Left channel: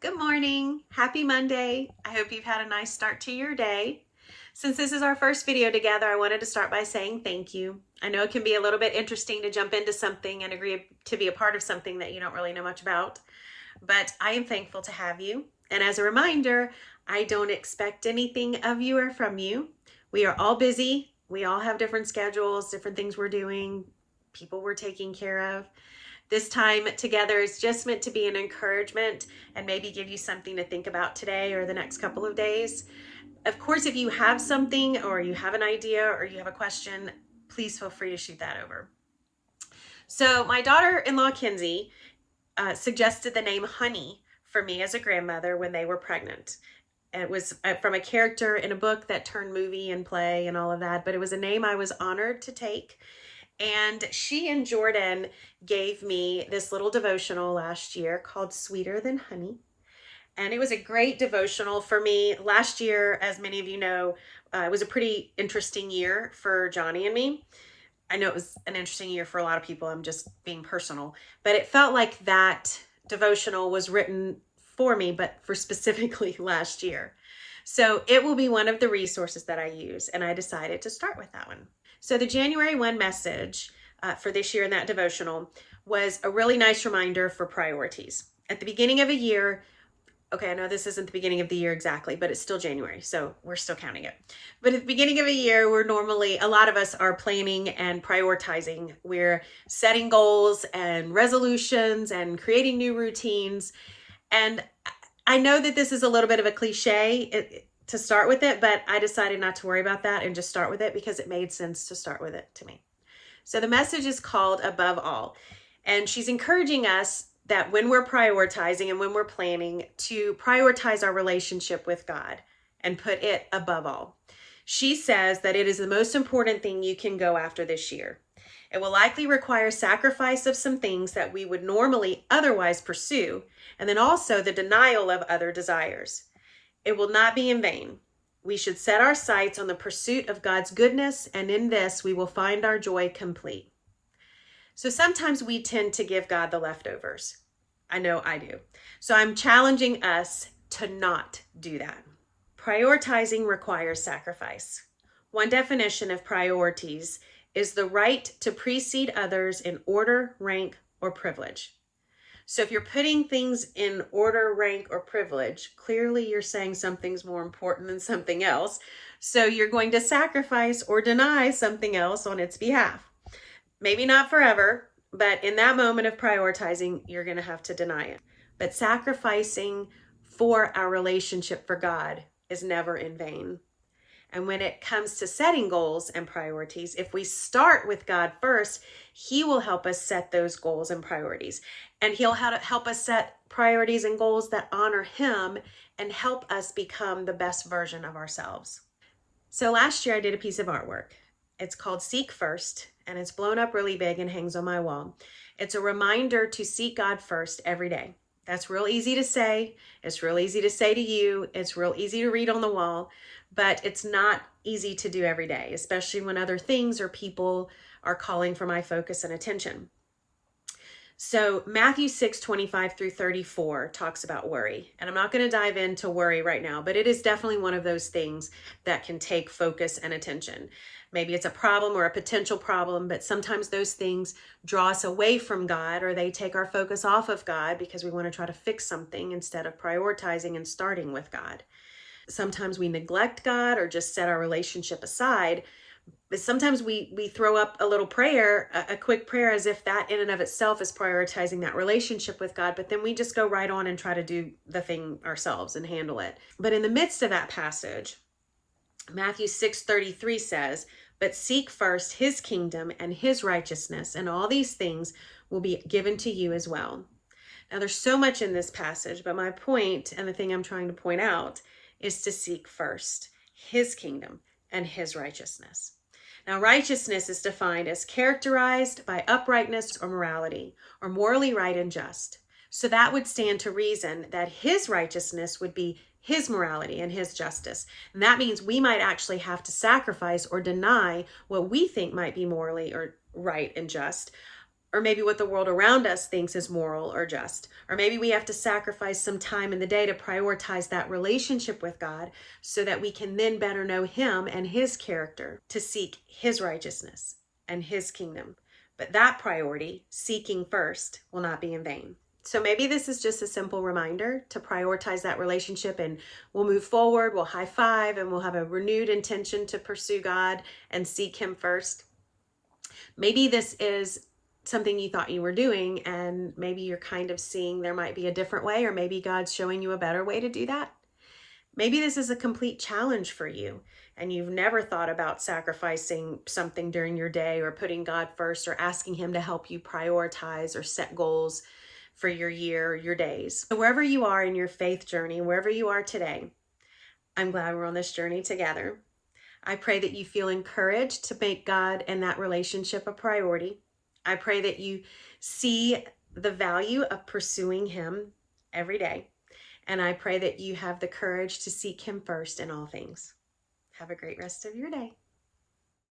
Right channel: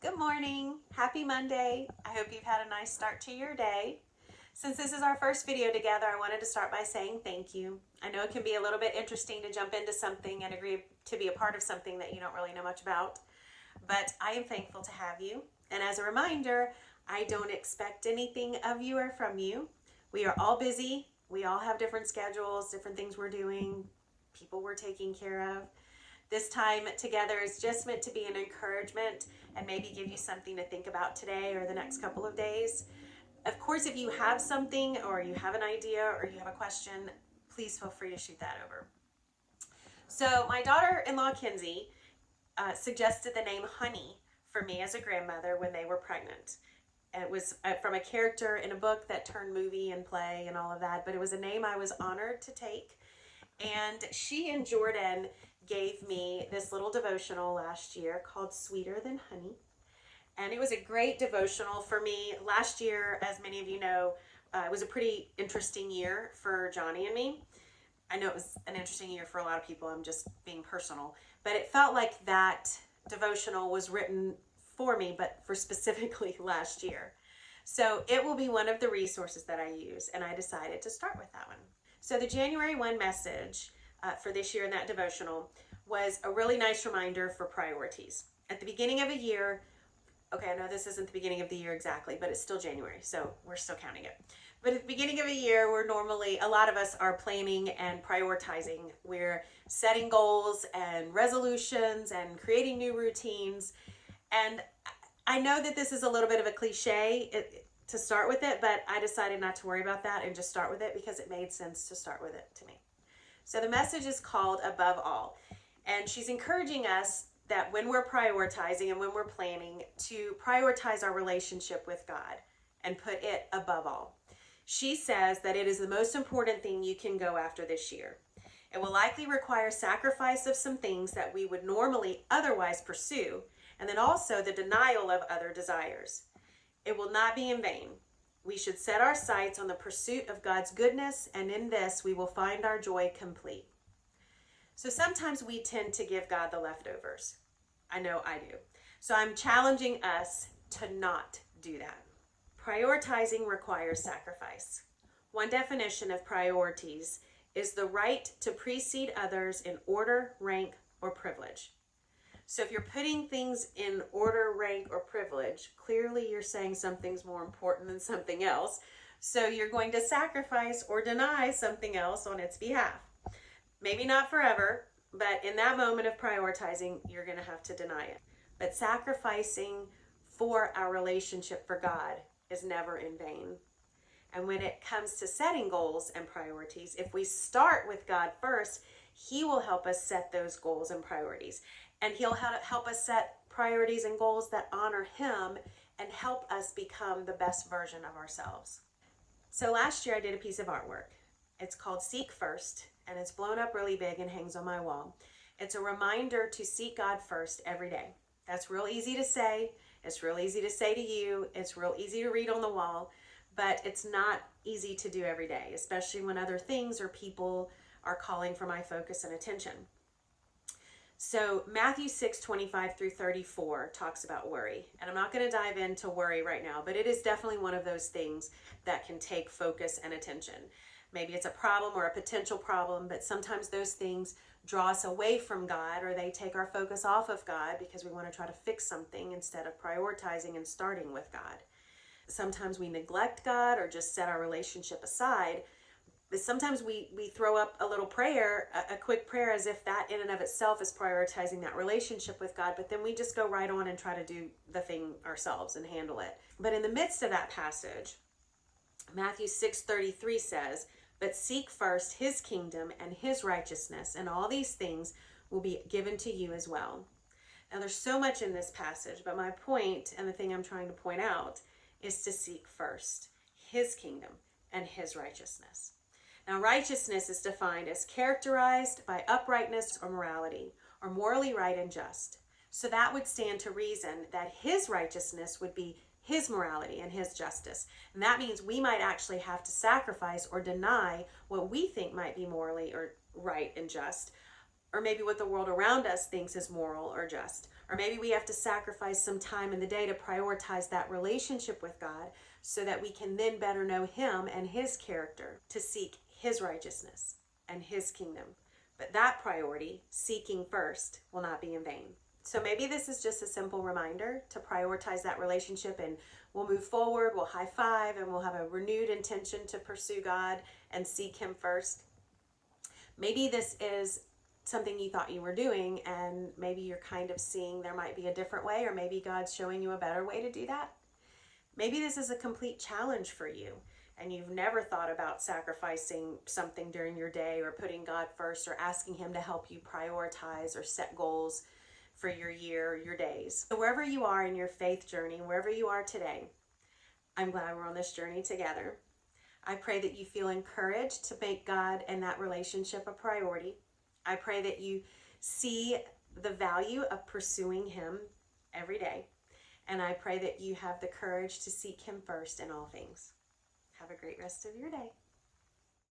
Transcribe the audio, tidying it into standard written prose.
Good morning. Happy Monday. I hope you've had a nice start to your day. Since this is our first video together, I wanted to start by saying thank you. I know it can be a little bit interesting to jump into something and agree to be a part of something that you don't really know much about, but I am thankful to have you. And as a reminder, I don't expect anything of you or from you. We are all busy. We all have different schedules, different things we're doing, people we're taking care of. This time together is just meant to be an encouragement and maybe give you something to think about today or the next couple of days. Of course, if you have something or you have an idea or you have a question, please feel free to shoot that over. So, my daughter in law, Kinsey, suggested the name Honey for me as a grandmother when they were pregnant. It was from a character in a book that turned movie and play and all of that, but it was a name I was honored to take. And she and Jordan gave me this little devotional last year called Sweeter Than Honey. And it was a great devotional for me. Last year, as many of you know, it was a pretty interesting year for Johnny and me. I know it was an interesting year for a lot of people. I'm just being personal. But it felt like that devotional was written for me, but for specifically last year. So it will be one of the resources that I use. And I decided to start with that one. So the January 1 message for this year in that devotional was a really nice reminder for priorities. At the beginning of a year, okay, I know this isn't the beginning of the year exactly, but it's still January, so we're still counting it. But at the beginning of a year, a lot of us are planning and prioritizing. We're setting goals and resolutions and creating new routines. And I know that this is a little bit of a cliche to start with it, but I decided not to worry about that and just start with it because it made sense to start with it to me. So the message is called Above All. And she's encouraging us that when we're prioritizing and when we're planning, to prioritize our relationship with God and put it above all. She says that it is the most important thing you can go after this year. It will likely require sacrifice of some things that we would normally otherwise pursue, and then also the denial of other desires. It will not be in vain. We should set our sights on the pursuit of God's goodness, and in this we will find our joy complete. So sometimes we tend to give God the leftovers. I know I do. So I'm challenging us to not do that. Prioritizing requires sacrifice. One definition of priorities is the right to precede others in order, rank, or privilege. So if you're putting things in order, rank, or privilege, clearly you're saying something's more important than something else. So you're going to sacrifice or deny something else on its behalf. Maybe not forever, but in that moment of prioritizing, you're going to have to deny it. But sacrificing for our relationship for God is never in vain. And when it comes to setting goals and priorities, if we start with God first, He will help us set those goals and priorities. And He'll help us set priorities and goals that honor Him and help us become the best version of ourselves. So last year I did a piece of artwork. It's called Seek First, and it's blown up really big and hangs on my wall. It's a reminder to seek God first every day. That's real easy to say. It's real easy to say to you. It's real easy to read on the wall, but it's not easy to do every day, especially when other things or people are calling for my focus and attention. So Matthew 6:25 through 34 talks about worry. And I'm not going to dive into worry right now, but it is definitely one of those things that can take focus and attention. Maybe it's a problem or a potential problem, but sometimes those things draw us away from God, or they take our focus off of God because we want to try to fix something instead of prioritizing and starting with God. Sometimes we neglect God or just set our relationship aside. But sometimes we throw up a little prayer, a quick prayer, as if that in and of itself is prioritizing that relationship with God, but then we just go right on and try to do the thing ourselves and handle it. But in the midst of that passage, Matthew 6:33 says, "But seek first His kingdom and His righteousness, and all these things will be given to you as well." Now there's so much in this passage, but my point, and the thing I'm trying to point out, is to seek first His kingdom and His righteousness. Now, righteousness is defined as characterized by uprightness or morality, or morally right and just. So that would stand to reason that His righteousness would be His morality and His justice. And that means we might actually have to sacrifice or deny what we think might be morally or right and just or maybe what the world around us thinks is moral or just. Or maybe we have to sacrifice some time in the day to prioritize that relationship with God so that we can then better know Him and His character, to seek His righteousness and His kingdom. But that priority, seeking first, will not be in vain. So maybe this is just a simple reminder to prioritize that relationship, and we'll move forward, we'll high five, and we'll have a renewed intention to pursue God and seek Him first. Maybe this is something you thought you were doing, and maybe you're kind of seeing there might be a different way, or maybe God's showing you a better way to do that. Maybe this is a complete challenge for you, and you've never thought about sacrificing something during your day, or putting God first, or asking Him to help you prioritize or set goals for your year or your days. So wherever you are in your faith journey, wherever you are today, I'm glad we're on this journey together. I pray that you feel encouraged to make God and that relationship a priority. I pray that you see the value of pursuing Him every day. And I pray that you have the courage to seek Him first in all things. Have a great rest of your day.